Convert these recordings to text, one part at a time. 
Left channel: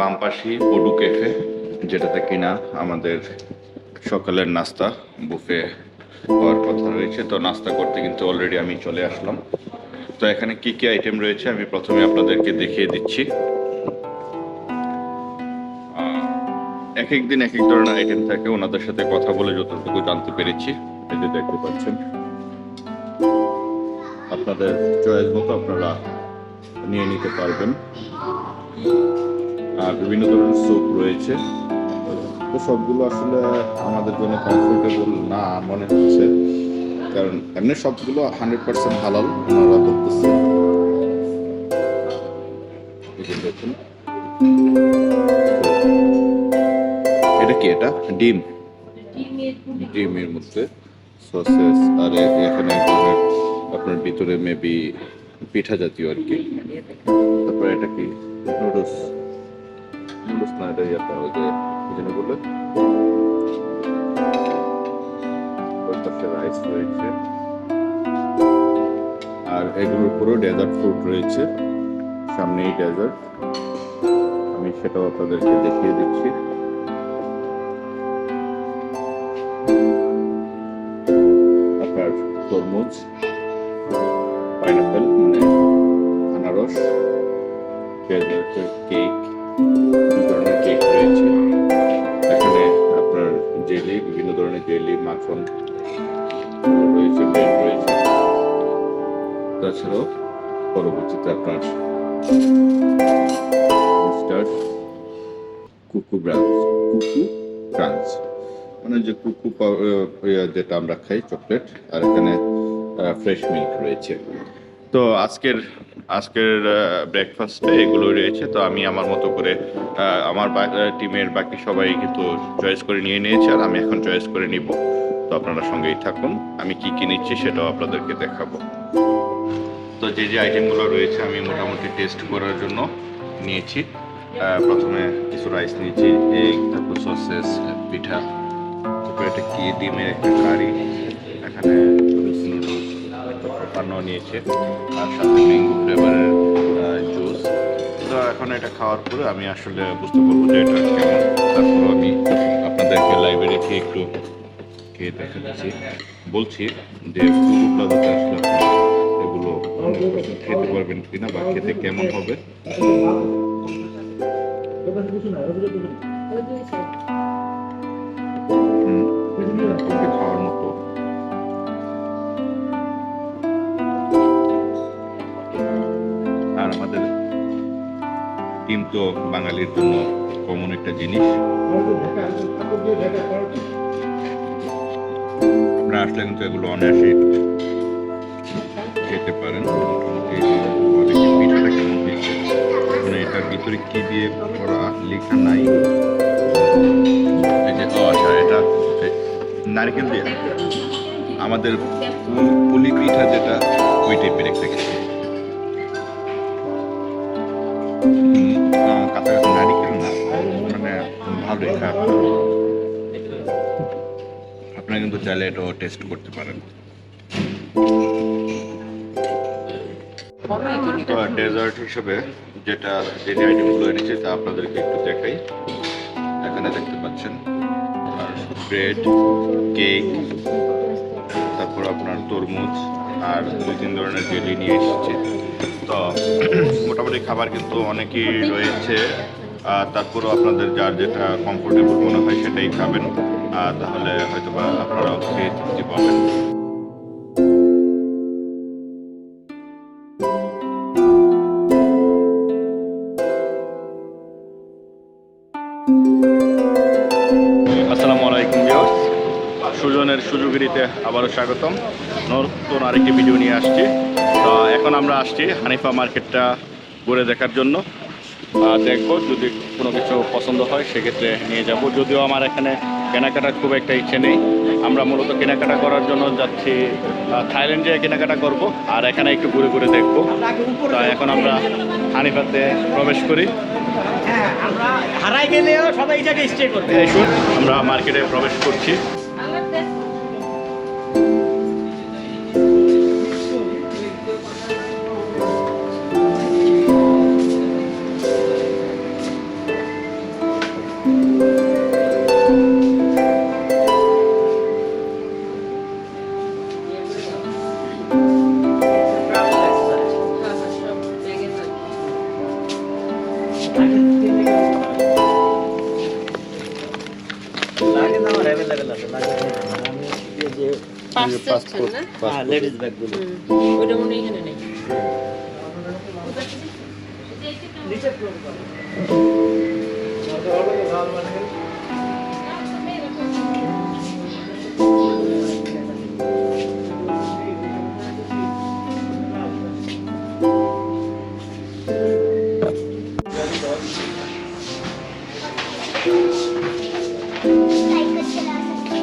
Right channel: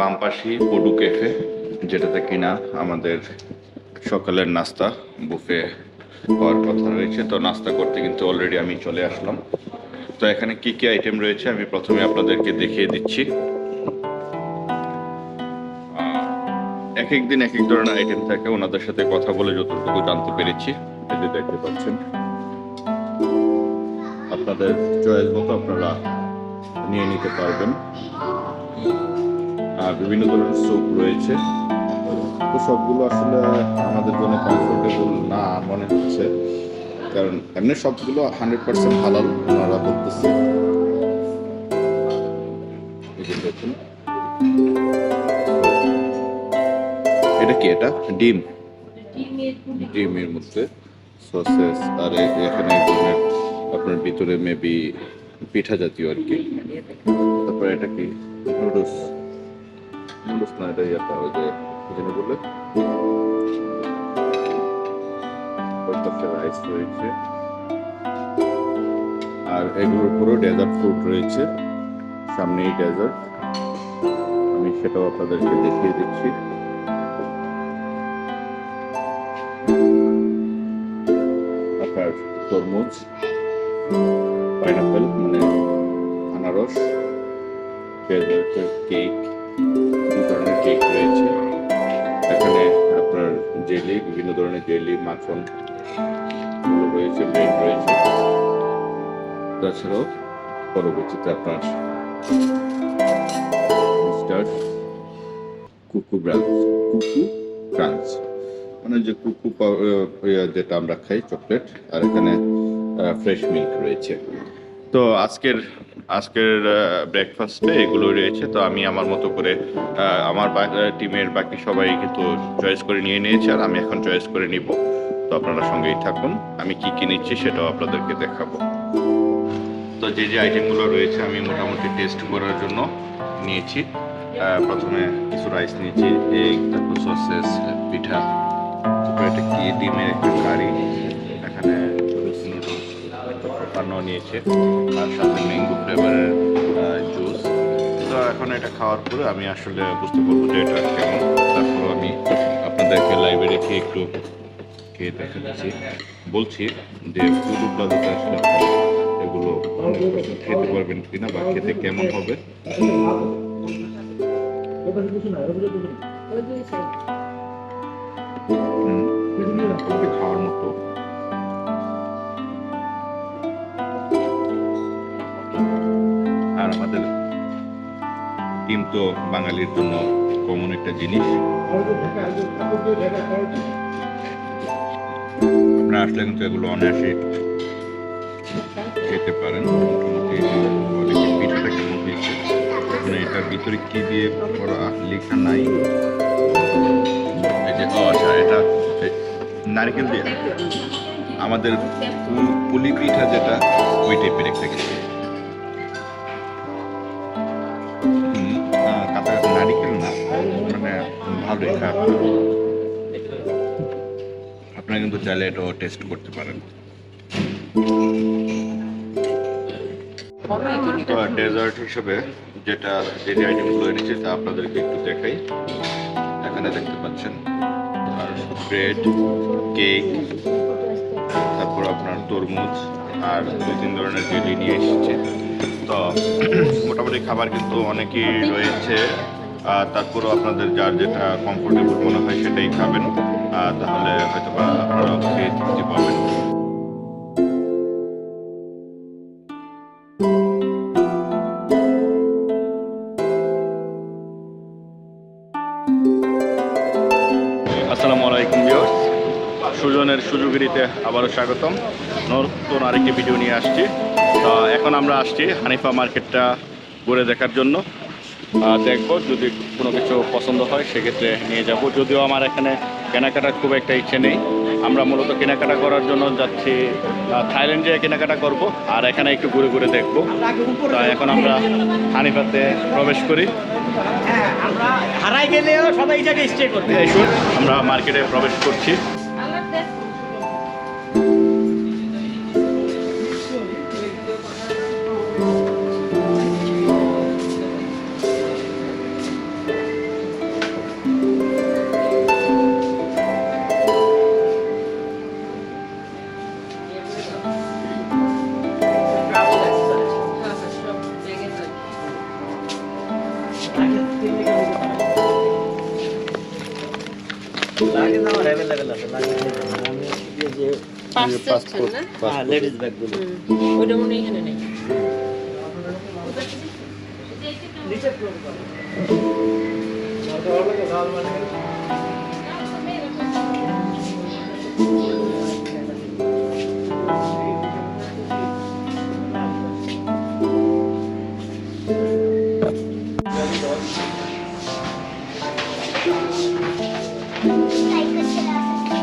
বামপাশি podu cafe, যেটাতে কিনা আমাদের সকালের নাস্তা বুফে হওয়ার কথা রয়েছে। তো নাস্তা করতে কিন্তু অলরেডি আমি চলে আসলাম। তো এখানে কি কি আইটেম রয়েছে আমি প্রথমে আপনাদেরকে দেখিয়ে দিচ্ছি। এক এক দিন এক এক ধরনের আইটেম থাকে, ওনাদের সাথে কথা বলে যতটুকু জানতে পেরেছি। এই যে দেখতে পাচ্ছেন, আপনাদের চয়েস মতো আপনারা নিয়ে নিতে পারবেন। আর বিভিন্ন ধরনের স্যুপ রয়েছে। তো সবগুলো আসলে আমাদের জন্য কমফোর্টেবল না মনে হচ্ছে, কারণ এমনি সবগুলো 100% হালাল ওনারা বলতেছে। দেখুন, এটা কি? এটা ডিমের মধ্যে সসেস, আর এখানে এক ধরনের আপনার ভিতরে মেবি পিঠা জাতীয় আর কি। তারপরে এটা কি? নুডলস না, এটা ইয়াটা ওই যে কি যেন বলে, ওই পাশে রাইস রয়েছে। আর এগুলোর পুরো ডেজার্ট ফ্রুট রয়েছে, সামনেই ডেজার্ট, আমি সেটাও আপনাদেরকে দেখিয়ে দিচ্ছি। আপনার তরমুজ, পাইনাপেল মানে আনারস, ডেজার্টের কেক, দু ধরনের কেক রয়েছে। এখানে আপনার জেলি, বিভিন্ন ধরনের জেলি, মাখন রয়েছে, ব্রেড রয়েছে। তাছাড়াও পরবর্তীতে আপনার মিস্টার কুকু ক্রাঞ্চ মানে যে কুকু যেটা আমরা খাই, চকলেট। আর এখানে ফ্রেশ মিল্ক রয়েছে। তো আজকের ব্রেকফাস্টে এগুলো রয়েছে। তো আমি আমার মতো করে আমার টিমের বাকি সবাই কিন্তু চয়েস করে নিয়ে নিয়েছে, আর আমি এখন চয়েস করে নিব। তো আপনারা সঙ্গেই থাকুন, আমি কি কি নিচ্ছি সেটাও আপনাদেরকে দেখাবো। তো যে আইটেমগুলো রয়েছে আমি মোটামুটি টেস্ট করার জন্য নিয়েছি। প্রথমে কিছু রাইস নিয়েছি, এগ, তারপর সসেস, পিঠা, তারপর এটা কি ডিমের একটা কারি, এখানে নুডলস পান্নাও নিয়েছে, আর সাথে ম্যাঙ্গো ফ্লেভারের জুস। তো এখন এটা খাওয়ার পরে আমি আসলে বুঝতে পারবো যে এটা কেমন। তারপর আমি আপনাদেরকে লাইভে রেখে একটু খেয়ে দেখাচ্ছি। বলছি যে টুডু প্লাজাতে আসলে আপনি এগুলো খেতে পারবেন কিনা বা খেতে কেমন হবে। খাওয়ার মতো। আর আমাদের ডিম তো বাঙালির জন্য কমন একটা জিনিস। আপনারা আসলে কিন্তু এগুলো অনায়াসে খেতে পারেন। অনেকে পিঠাটা কেমন হয়েছে, মানে এটার ভিতরে কি দিয়ে করা লেখা নাই। এই যে আচ্ছা, এটা নারকেল দিয়ে আমাদের পুলি পিঠা যেটা, ওই টাইপের একটা কিছু। কাছাকাছি নারিকেল না, মানে ভালোই খারাপ। আপনারা কিন্তু চাইলে এটাও টেস্ট করতে পারেন। তো ডেজার্ট হিসেবে যে আইটেমগুলো এনেছি তা আপনাদেরকে একটু দেখাই। এখানে দেখতে পাচ্ছেন আর ব্রেড, কেক, তারপর আপনার তরমুজ, আর 2-3 ধরনের জেলি নিয়ে এসেছে। তো মোটামুটি খাবার কিন্তু অনেকই রয়েছে। তারপরও আপনাদের যার যেটা কমফোর্টেবল মনে হয় সেটাই খাবেন, তাহলে হয়তো বা আপনারাও খেয়ে তৃপ্তি পাবেন। আসসালামু আলাইকুম ভিউয়ার্স, সুজনের সুযোগিরিতে আবারও স্বাগতম। নতুন আরেকটি ভিডিও নিয়ে আসছি। তো এখন আমরা আসছি হানিফা মার্কেটটা ঘুরে দেখার জন্য। দেখবো যদি কোনো কিছু পছন্দ হয় সেক্ষেত্রে নিয়ে যাব। যদিও আমার এখানে কেনাকাটার খুব একটা ইচ্ছে নেই, আমরা মূলত কেনাকাটা করার জন্য যাচ্ছি থাইল্যান্ডে কেনাকাটা করব, আর এখানে একটু ঘুরে ঘুরে দেখবো। তো এখন আমরা হানিফাতে প্রবেশ করি। আমরা হারাই গেলেও সবাই এই জায়গায় স্টে করবে। আমরা মার্কেটে প্রবেশ করছি। লাগে না আমার অ্যাভেলেবেল আছে, লাগে না আমি এই যে পাসপোর্ট না লেডিস ব্যাগগুলো ওইটা মনে হয় এখানে নেই নিচে ফ্লোর করে साइकिल चला सकते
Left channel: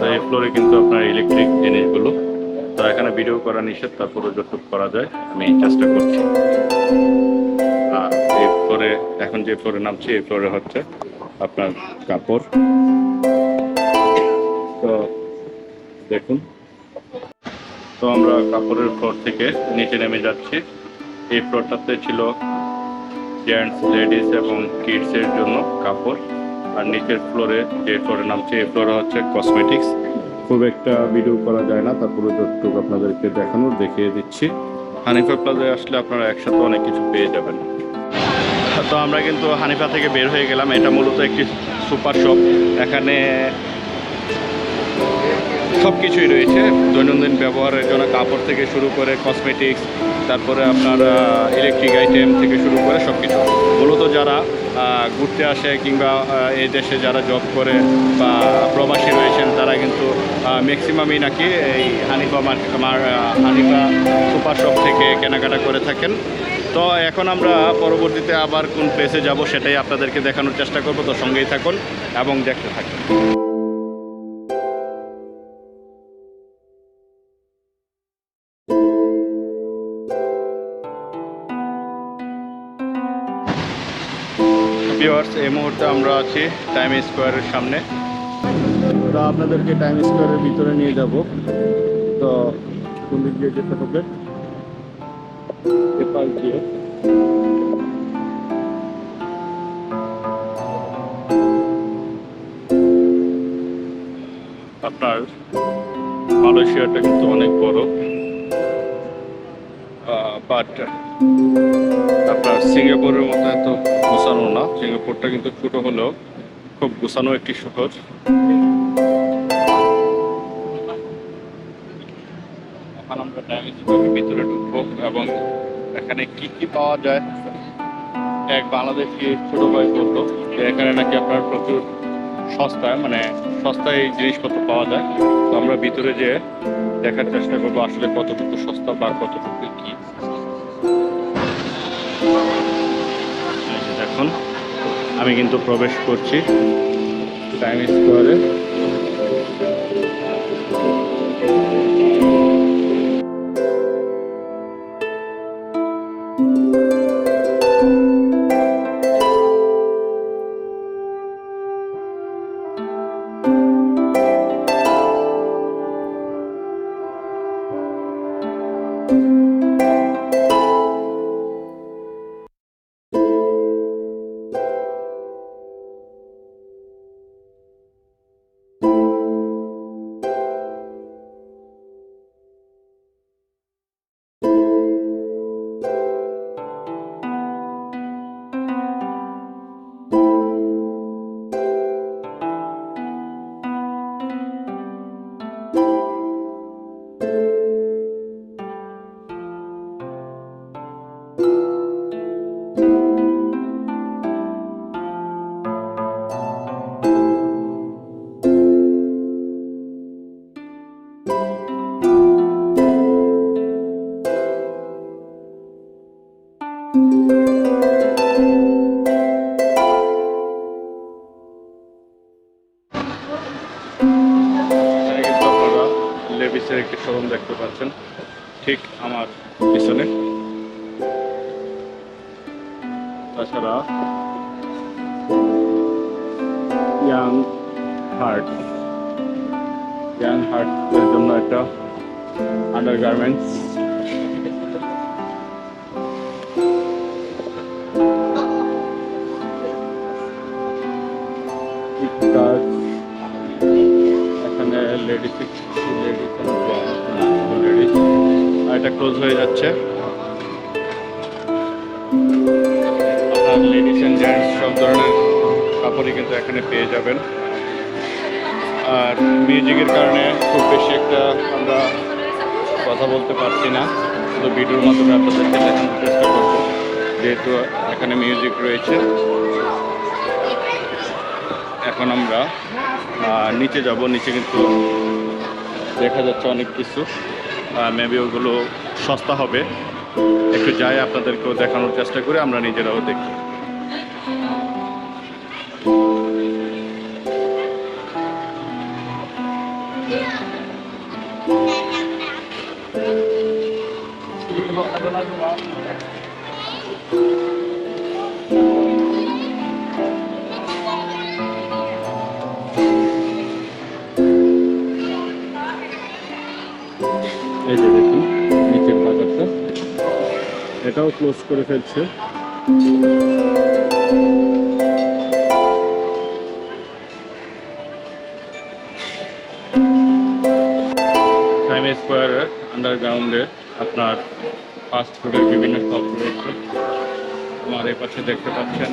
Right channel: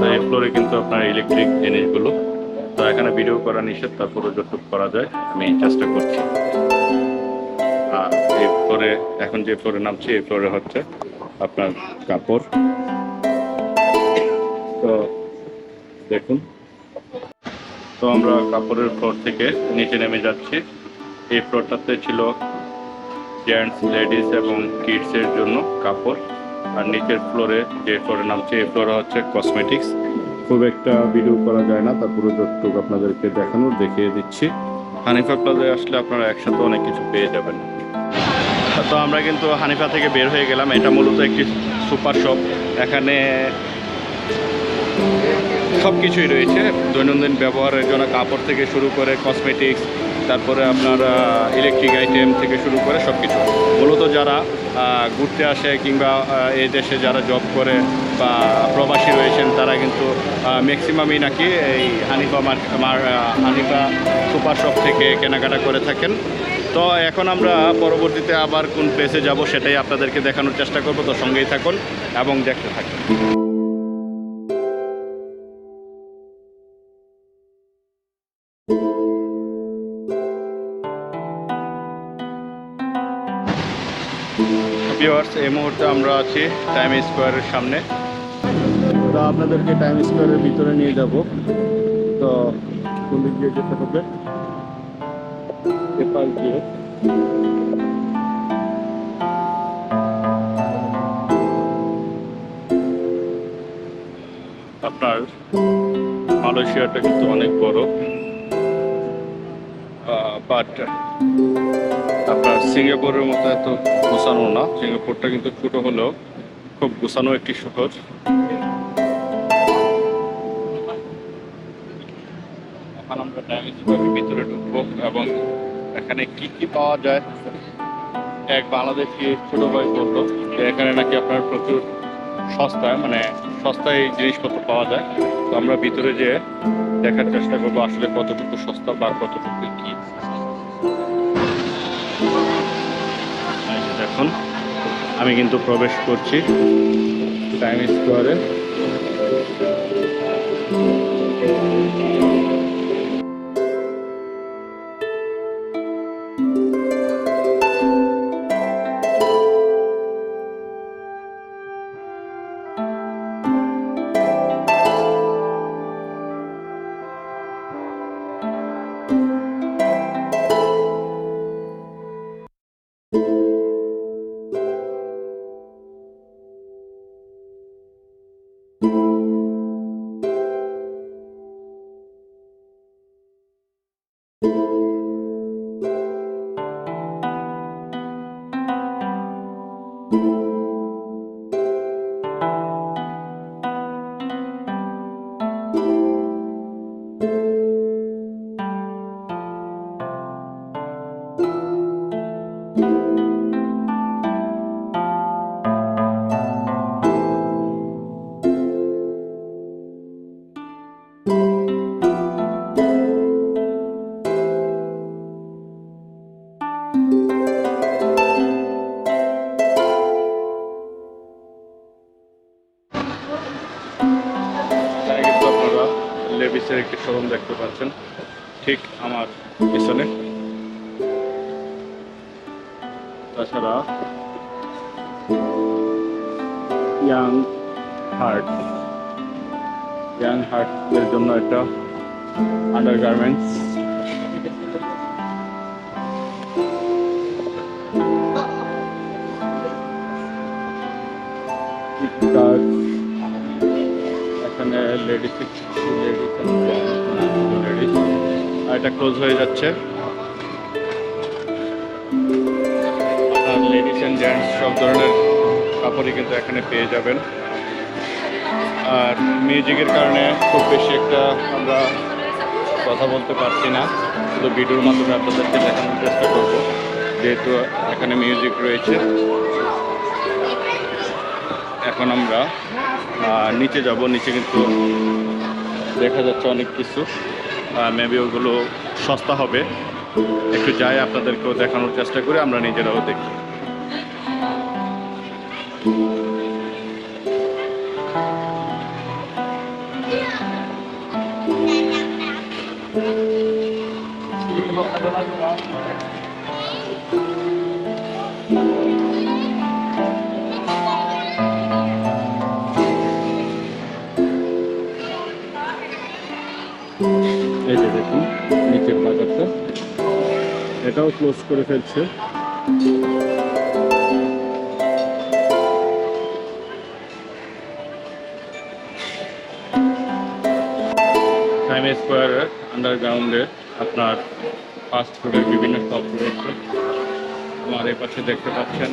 তো এই ফ্লোরে কিন্তু আপনার ইলেকট্রিক জিনিসগুলো, তো এখানে ভিডিও করা নিষেধ, তারপরে যতটুকু করা যায় আমি চেষ্টা করছি। আর এই ফ্লোরে এখন যে ফ্লোরে নামছি, এই ফ্লোরে হচ্ছে আপনার কাপড়। তো দেখুন, তো আমরা কাপড়ের ফ্লোর থেকে নিচে নেমে যাচ্ছি। এই ফ্লোরটাতে ছিল জেন্টস, লেডিস এবং কিডসের জন্য কাপড়। আর নিচের ফ্লোরে যে ফ্লোরে নামছে, এই ফ্লোরে হচ্ছে কসমেটিক্স। খুব একটা ভিডিও করা যায় না, তারপরে যতটুকু আপনাদেরকে দেখিয়ে দিচ্ছি। হানিফা প্লাজায় আসলে আপনারা একসাথে অনেক কিছু পেয়ে যাবেন। তো আমরা কিন্তু হানিফা থেকে বের হয়ে গেলাম। এটা মূলত একটি সুপার শপ। এখানে সব কিছুই রয়েছে দৈনন্দিন ব্যবহারের জন্য, কাপড় থেকে শুরু করে কসমেটিক্স, তারপরে আপনার ইলেকট্রিক আইটেম থেকে শুরু করে সব কিছু। মূলত যারা ঘুরতে আসে কিংবা এই দেশে যারা জব করে বা প্রবাসী রয়েছেন, তারা কিন্তু ম্যাক্সিমামই নাকি এই হানিফা সুপার শপ থেকে কেনাকাটা করে থাকেন। তো এখন আমরা পরবর্তীতে আবার কোন প্লেসে যাব সেটাই আপনাদেরকে দেখানোর চেষ্টা করব। তো সঙ্গেই থাকুন এবং দেখতে থাকুন। ভিউয়ার্স, এই মুহূর্তে আমরা আছি টাইম স্কোয়ারের সামনে। তো আপনাদেরকে টাইম স্কোয়ারের ভিতরে নিয়ে যাব। তো কোন দিক দিয়ে যেতে হবে? এপাশ দিয়ে। আপনার মালয়েশিয়াটা কিন্তু অনেক বড়, বাট আপনার সিঙ্গাপুরের মতো এত গোছানো না। সিঙ্গাপুরটা কিন্তু ছোট হলেও খুব গোছানো একটি শহর। এখন আমরা টাইম স্কোয়ারের ভিতরে ঢুকবো এবং এখানে কি কি পাওয়া যায়। এক বাংলাদেশি ছোট ভাই বললো যে এখানে নাকি আপনার প্রচুর সস্তায়, মানে সস্তায় জিনিসপত্র পাওয়া যায়। তো আমরা ভিতরে যেয়ে দেখার চেষ্টা করবো আসলে কতটুকু সস্তা বা কতটুকু কি। দেখুন, আমি কিন্তু প্রবেশ করছি টাইম স্কোয়ারে। লেভিসের একটি শোরুম দেখতে পাচ্ছেন ঠিক আমার পিছনে। তাছাড়া ইয়াং হার্টের জন্য একটা আন্ডারগার্মেন্টস, এখানে লেডিস অলরেডি, আর এটা ক্লোজ হয়ে যাচ্ছে। আপনার লেডিস অ্যান্ড জেন্টস সব ধরনের কাপড়ই কিন্তু এখানে পেয়ে যাবেন। আর মিউজিকের কারণে খুব বেশি একটা আমরা কথা বলতে পারছি না, শুধু ভিডিওর মাধ্যমে আপনাদেরকে দেখানোর চেষ্টা করব, যেহেতু এখানে মিউজিক রয়েছে। এখন আমরা নিচে যাব। নিচে কিন্তু দেখা যাচ্ছে অনেক কিছু, মেবি ওগুলো সস্তা হবে। একটু যাই, আপনাদেরকেও দেখানোর চেষ্টা করি, আমরা নিজেরাও দেখি। এই যে দেখুন নিচের বাজারটা, এটাও ক্লোজ করে ফেলছে। টাইম স্কোয়ারের আন্ডারগ্রাউন্ডে আপনার ফাস্ট ফুডের বিভিন্ন শপ রয়েছে। আমার এই পাশে দেখতে পাচ্ছেন,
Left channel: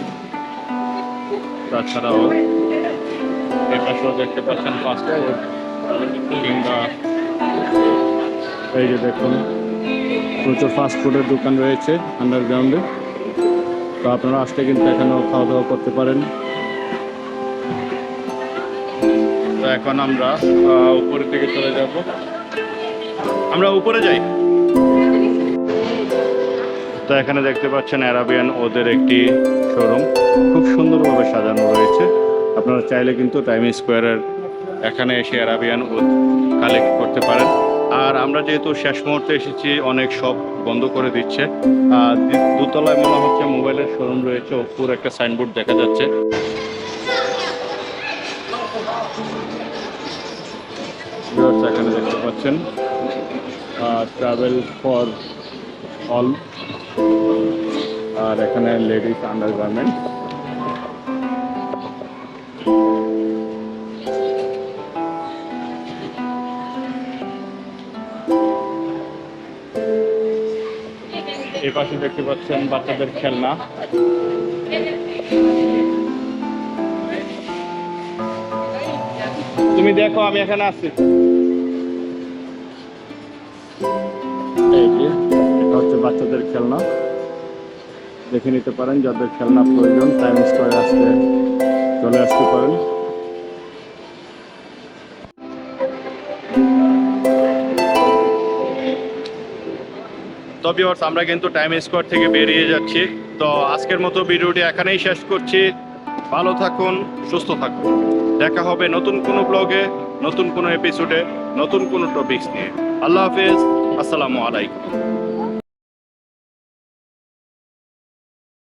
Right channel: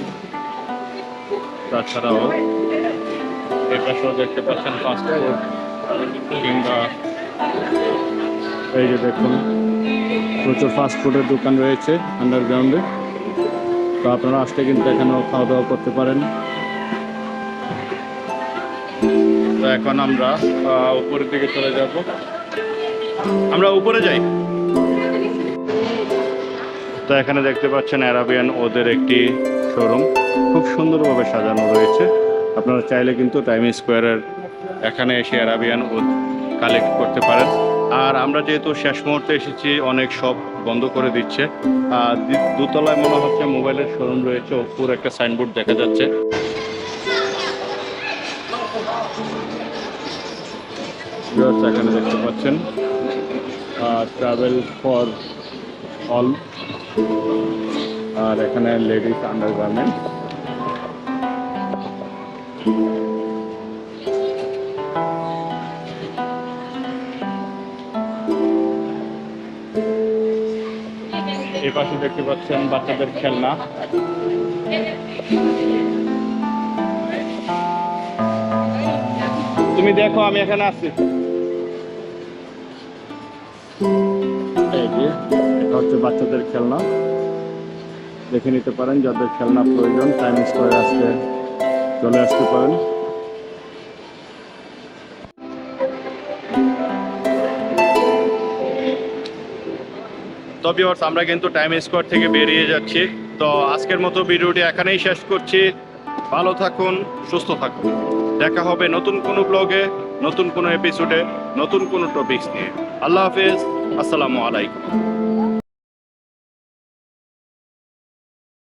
তাছাড়াও এই পাশেও দেখতে পাচ্ছেন ফাস্ট ফুড, কিংবা এই যে দেখুন প্রচুর ফাস্ট ফুডের দোকান রয়েছে আন্ডারগ্রাউন্ডে। তো আপনারা আসলে কিন্তু এখানেও খাওয়া দাওয়া করতে পারেন। তো এখন আমরা উপরের দিকে চলে যাব। আমরা উপরে যাই। তো এখানে দেখতে পাচ্ছেন অ্যারাবিয়ান ওদের একটি শোরুম, খুব সুন্দরভাবে সাজানো রয়েছে। আপনারা চাইলে কিন্তু টাইম স্কোয়ারের এখানে এসে অ্যারাবিয়ান ওদ কালেক্ট করতে পারেন। আর আমরা যেহেতু শেষ মুহূর্তে এসেছি, অনেক শপ বন্ধ করে দিচ্ছে। দোতলায় মনে হচ্ছে মোবাইলের শোরুম রয়েছে, ওপর একটা সাইনবোর্ড দেখা যাচ্ছে। এখানে দেখতে পাচ্ছেন ট্রাভেল ফর অল, আর এখানে লেডিস আন্ডারগার্মেন্ট। এই পাশে দেখতে পাচ্ছেন বাচ্চাদের খেলনা। তুমি দেখো, আমি এখানে আছি। এই যে এটা হচ্ছে বাচ্চাদের খেলনা, দেখে নিতে পারেন। যাদের খেলনা প্রয়োজন টাইম স্কোয়ারে আসতে চলে আসতে পারেন। তো ভিউয়ার্স, আমরা কিন্তু টাইম স্কোয়ার থেকে বেরিয়ে যাচ্ছি। তো আজকের মতো ভিডিওটি এখানেই শেষ করছি। ভালো থাকুন, সুস্থ থাকুন। দেখা হবে নতুন কোনো ব্লগে, নতুন কোনো এপিসোডে, নতুন কোনো টপিকস নিয়ে। আল্লাহ হাফেজ, আসসালামু আলাইকুম।